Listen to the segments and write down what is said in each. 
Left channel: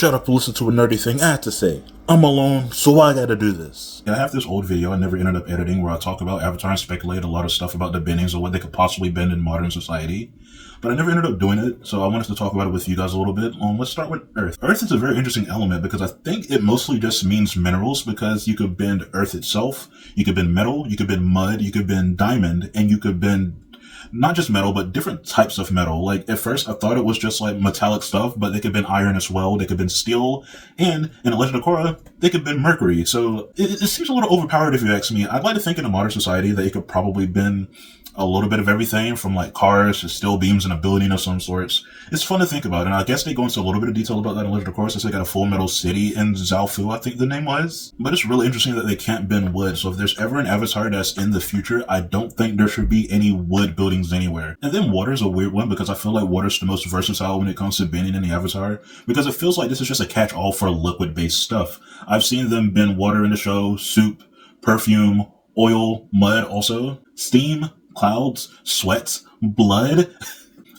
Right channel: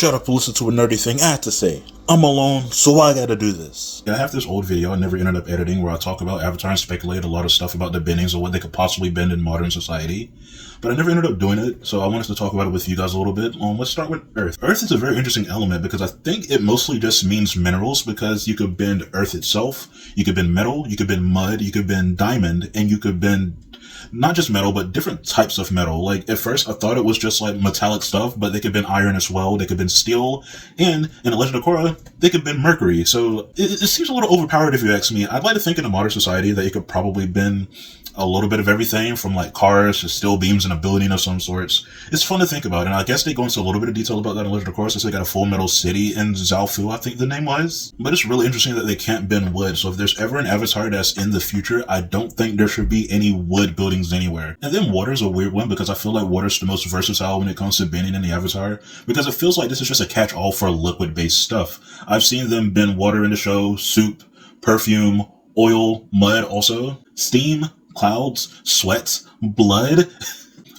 shut up and listen to a nerdy thing I have to say. I'm alone, so I gotta do this. I have this old video I never ended up editing where I talk about Avatar and speculate a lot of stuff about the bendings or what they could possibly bend in modern society. But I never ended up doing it, so I wanted to talk about it with you guys a little bit. Let's start with Earth. Earth is a very interesting element because I think it mostly just means minerals, because you could bend Earth itself, you could bend metal, you could bend mud, you could bend diamond, and you could bend not just metal, but different types of metal. Like, at first, I thought it was just, like, metallic stuff, but they could bend iron as well, they could bend steel, and in The Legend of Korra, they could bend mercury. So, it seems a little overpowered if you ask me. I'd like to think in a modern society that you could probably bend a little bit of everything, from, like, cars to steel beams and a building of some sorts. It's fun to think about, and I guess they go into a little bit of detail about that in Legend of Korra, since they got a full metal city in Zaofu, I think the name was. But it's really interesting that they can't bend wood, so if there's ever an Avatar that's in the future, I don't think there should be any wood buildings anywhere. And then water's a weird one, because I feel like water's the most versatile when it comes to bending in the Avatar, because it feels like this is just a catch-all for liquid-based stuff. I've seen them bend water in the show, soup, perfume, oil, mud also, steam, clouds, sweat, blood.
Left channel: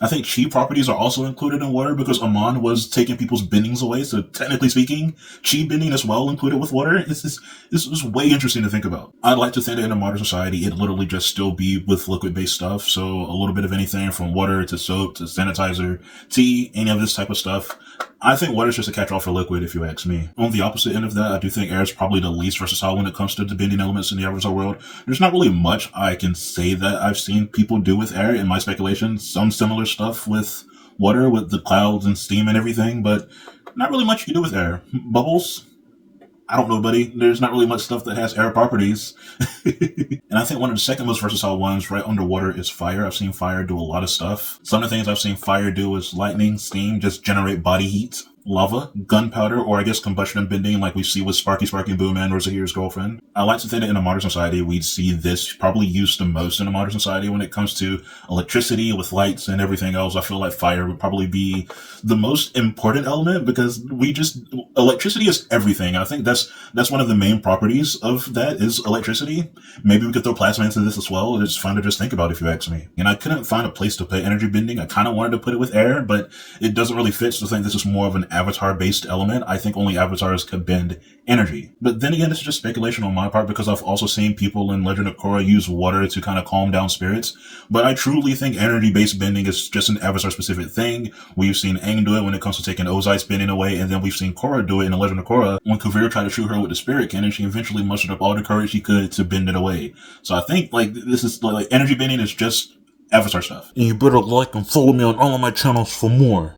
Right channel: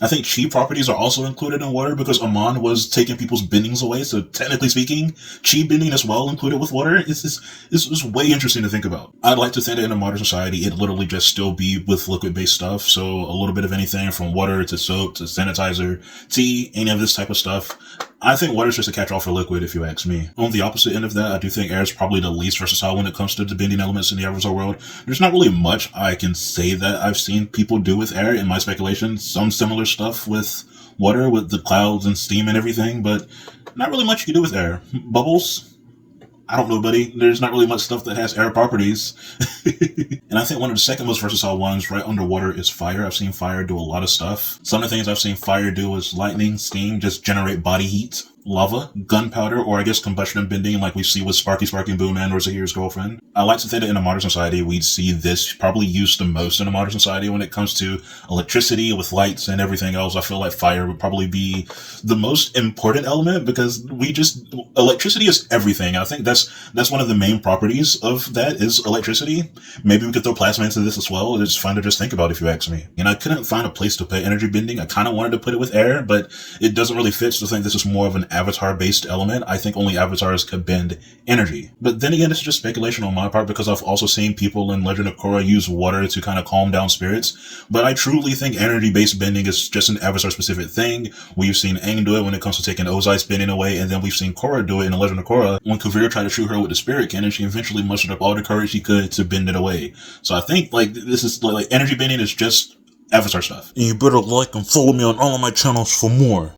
I think chi properties are also included in water because Amon was taking people's bendings away, so technically speaking, chi bending is well included with water. It's way interesting to think about. I'd like to think that in a modern society, it'd literally just still be with liquid-based stuff, so a little bit of anything from water to soap to sanitizer, tea, any of this type of stuff. I think water's just a catch-all for liquid, if you ask me. On the opposite end of that, I do think air is probably the least versatile when it comes to the bending elements in the Avatar world. There's not really much I can say that I've seen people do with air, in my speculation. Some similar stuff with water, with the clouds and steam and everything, but not really much you can do with air. Bubbles? I don't know, buddy. There's not really much stuff that has air properties. And I think one of the second most versatile ones right underwater is fire. I've seen fire do a lot of stuff. Some of the things I've seen fire do is lightning, steam, just generate body heat. Lava, gunpowder, or I guess combustion and bending, like we see with Sparky Boo Man or Zahir's girlfriend. I like to think that in a modern society, we'd see this probably used the most in a modern society when it comes to electricity with lights and everything else. I feel like fire would probably be the most important element because electricity is everything. I think that's one of the main properties of that is electricity. Maybe we could throw plasma into this as well. It's fun to just think about if you ask me. And I couldn't find a place to put energy bending. I kind of wanted to put it with air, but it doesn't really fit. So I think this is more of an Avatar-based element. I think only Avatars could bend energy. But then again, it's just speculation on my part because I've also seen people in Legend of Korra use water to kind of calm down spirits. But I truly think energy-based bending is just an Avatar-specific thing. We've seen Aang do it when it comes to taking Ozai's bending away, and then we've seen Korra do it in the Legend of Korra when Kuvira tried to shoot her with the spirit cannon. She eventually mustered up all the courage she could to bend it away. So I think this is like energy bending is just Avatar stuff. And you better like and follow me on all of my channels for more.